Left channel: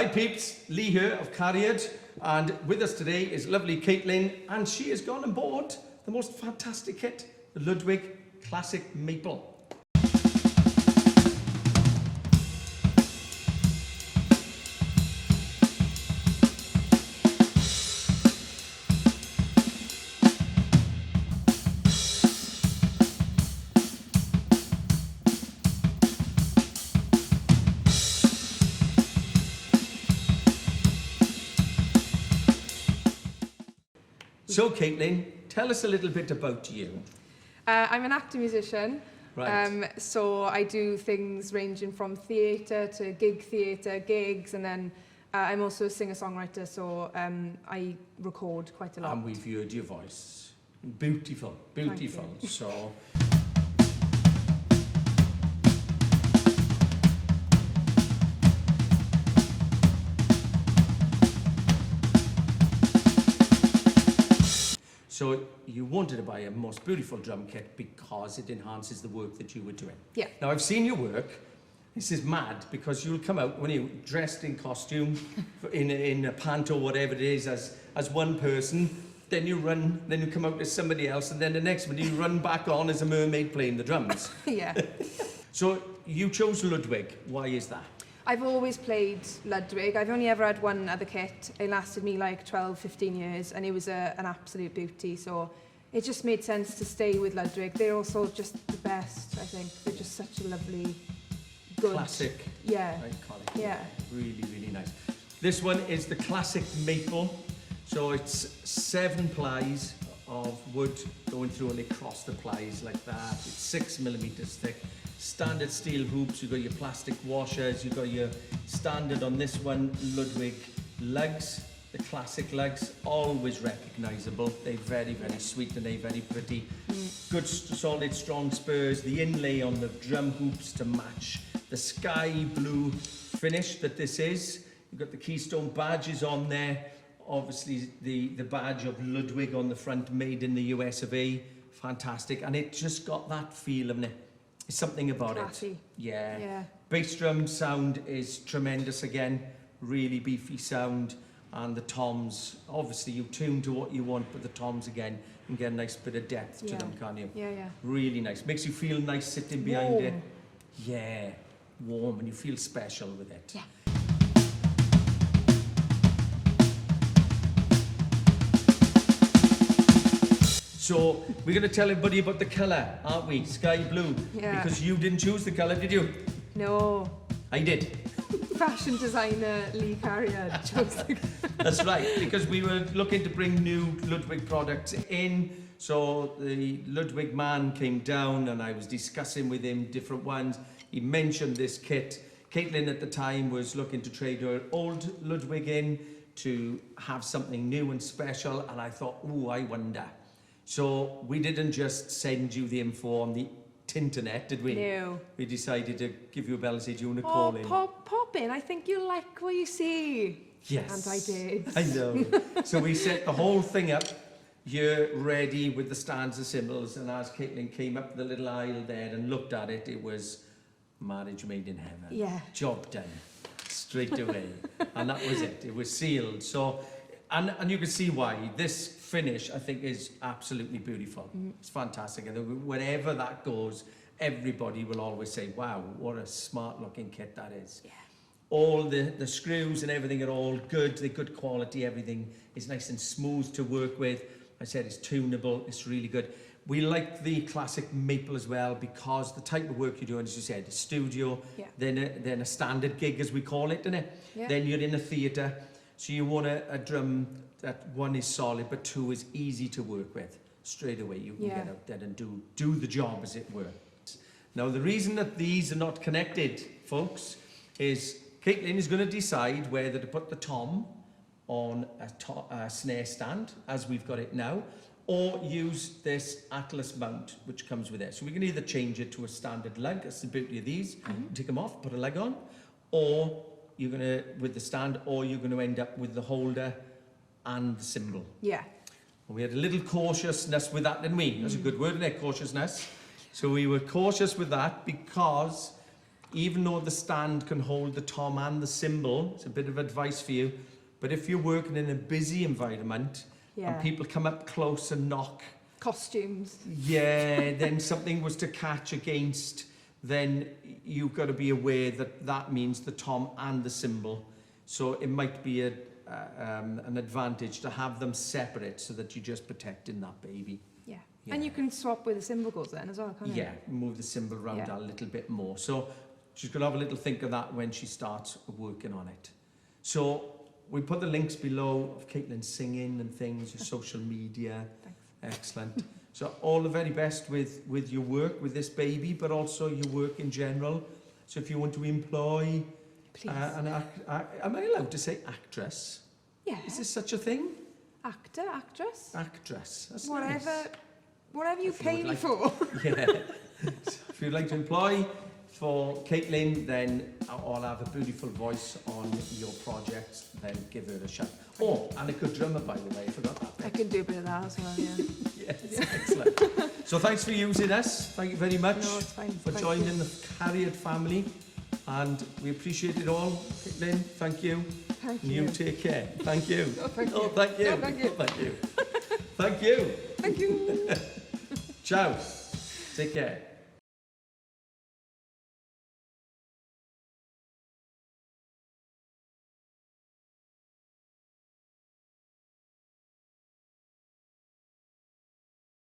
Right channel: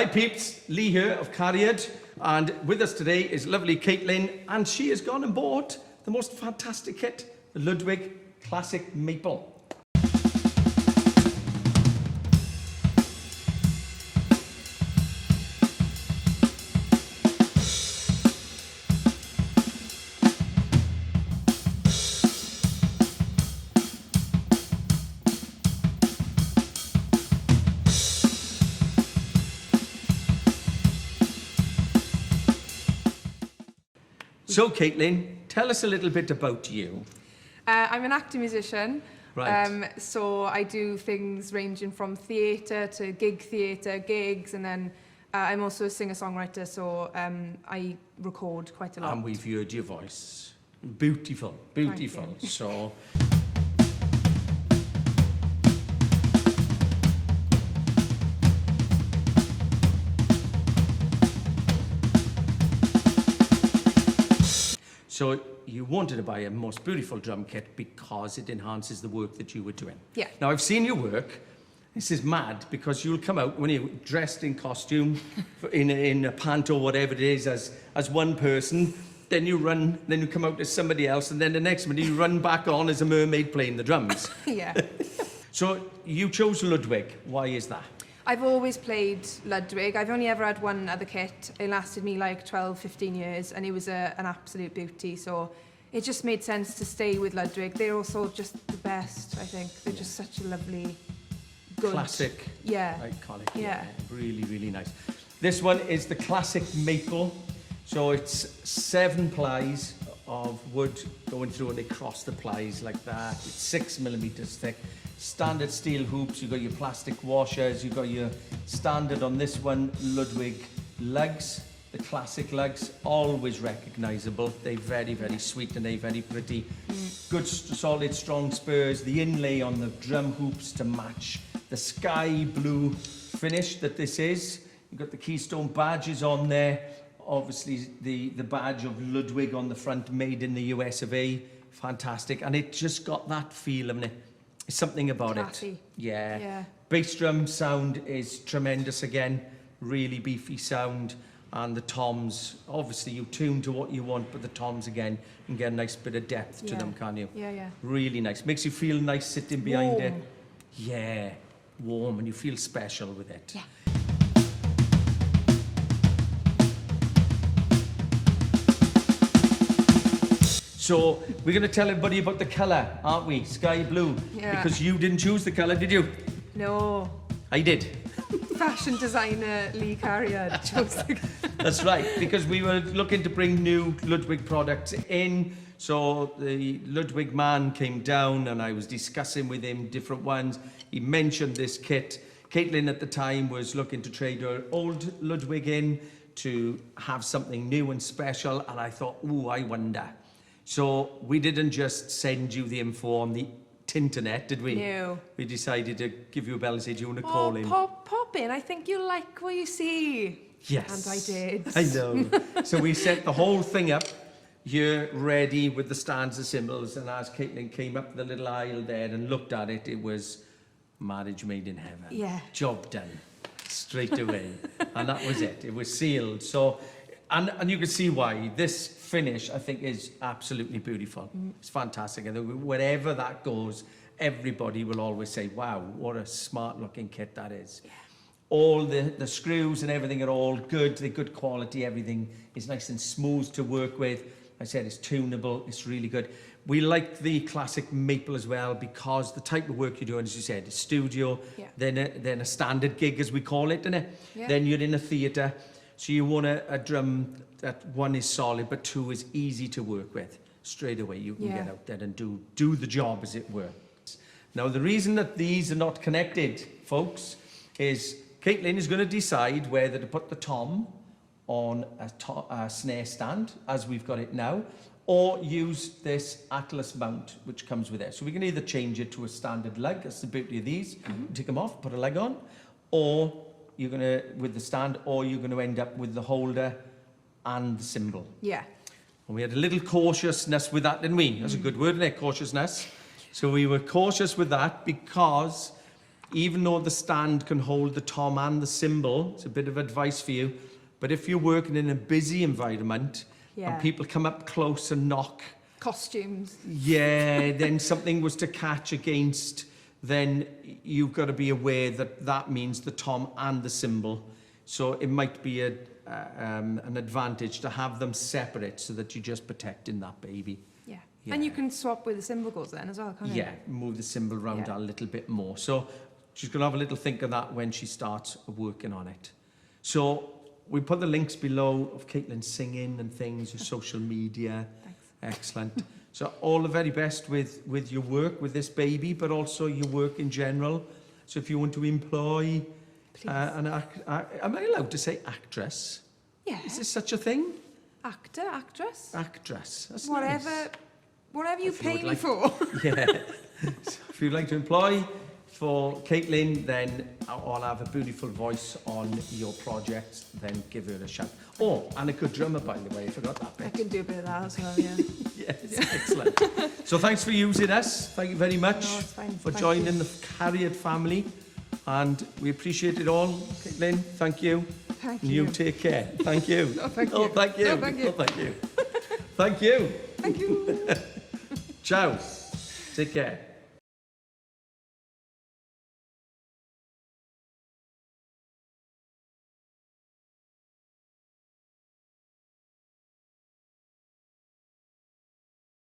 Hi peeps, Leigh here of Cariad, and with us today is lovely Caitlyn, and she has gone and bought the most fantastic kit, the Ludwig Classic Maple. So Caitlyn, tell us a little bit about you. I'm an acting musician, Right. so I do things ranging from theatre to gig theatre, gigs, and then I'm also a singer-songwriter, so I record quite a lot. And we've heard your voice. Beautiful, beautiful. Thank you. So, so you wanted to buy a most beautiful drum kit because it enhances the work that you were doing. Yeah. Now I've seen your work. This is mad because you'll come out when you're dressed in costume, in a pant or whatever it is, as one person. Then you run, then you come out as somebody else, and then the next minute you run back on as a mermaid playing the drums. Yeah. So you chose Ludwig. Why is that? I've always played Ludwig. I've only ever had one other kit. It lasted me like 12, 15 years, and it was an absolute beauty. So it just made sense to stay with Ludwig. They're also just the best, I think. They're just such a lovely, good... Classic. Yeah. Iconic. Yeah. Really, really nice. This one is the Classic Maple. So it's 7 plies of wood going through, and they cross the plies like that. It's 6mm thick. Standard steel hoops, you've got your plastic washers, you've got your standard on this one, Ludwig lugs, the classic lugs, always recognisable. They're very, very sweet and they're very pretty. Good, solid, strong spurs, the inlay on the drum hoops to match the sky blue finish that this is. You've got the Keystone badges on there. Obviously, the badge of Ludwig on the front, made in the US of A. Fantastic. And it just got that feel, haven't it? There's something about Classy. it. Yeah. Yeah. Bass drum sound is tremendous again. Really beefy sound. And the toms, obviously you tune to what you want, but the toms again, you can get a nice bit of depth to them, can't you? Yeah, yeah. Really nice. Makes you feel nice sitting behind it. Warm. Yeah. Warm, and you feel special with it. Yeah. So we're going to tell everybody about the colour, aren't we? Sky blue. Yeah. Because you didn't choose the colour, did you? No. I did. Fashion designer Leigh Cariad chose the... That's right, because we were looking to bring new Ludwig products in. So the Ludwig man came down and I was discussing with him different ones. He mentioned this kit. Caitlyn at the time was looking to trade her old Ludwig in to have something new and special. And I thought, ooh, I wonder. So we didn't just send you the info on the Tinternet, did we? No. We decided to give you a bell and say, do you want to call in? Pop in. I think you'll like what you see. Yes. And I did. I know. So we set the whole thing up here ready with the stands and symbols, and as Caitlyn came up the little aisle there and looked at it, it was marriage made in heaven. Yeah. Job done. Straight away. And that was it. It was sealed. So, and you can see why. This finish, I think, is absolutely beautiful. It's fantastic. And wherever that goes, everybody will always say, wow, what a smart looking kit that is. Yeah. All the screws and everything are all good. They're good quality. Everything is nice and smooth to work with. I said it's tunable. It's really good. We like the Classic Maple as well because the type of work you're doing, as you said, is studio, Yeah. then a standard gig, as we call it, isn't it? Yeah. Then you're in a theatre. So you want a drum that one is solid, but two is easy to work with. Straight away, you can get out there and do the job, as it were. Now, the reason that these are not connected, folks, is Caitlyn is going to decide whether to put the tom on a snare stand, as we've got it now, or use this Atlas mount, which comes with it. So we can either change it to a standard lug, that's the beauty of these, take them off, put a lug on, or you're going to, with the stand, or you're going to end up with the holder and the cymbal. Yeah. And we had a little cautiousness with that, didn't we? That's a good word, isn't it? Cautiousness. So we were cautious with that because even though the stand can hold the tom and the cymbal, it's a bit of advice for you, but if you're working in a busy environment Yeah. and people come up close and knock, Costumes. yeah, then something was to catch against, then you've got to be aware that that means the tom and the cymbal. So it might be an advantage to have them separate so that you're just protecting that baby. Yeah. Yeah. And you can swap where the cymbal goes then as well, can't you? Yeah, move the cymbal around Yeah. a little bit more. So she's going to have a little think of that when she starts working on it. So we put the links below of Caitlyn singing and things, your social media. Thanks. Excellent. So all the very best with your work with this baby, but also your work in general. So if you want to employ Please. am I allowed to say actress? Yeah. Is there such a thing? Actor, actress. Actress. That's Whatever, nice. whatever you If you would pay me like- for. Yeah. If you'd like to employ for Caitlyn, then I'll have a beautiful voice on your project, then give her a shout. Oh, and a good drummer, by the way, I forgot that I bit. can do a bit of that as well, yeah. Yes, excellent. So thanks for using us. Thank you very much No, it's fine. for Thank joining you. the Cariad family. And we appreciate it all. Caitlyn, thank you. Thank You you. take care. Thank you. Oh, thank Oh, you. thank you. Oh, thank you. Oh, thank you. Thank you. Thank you. Ciao. Take care.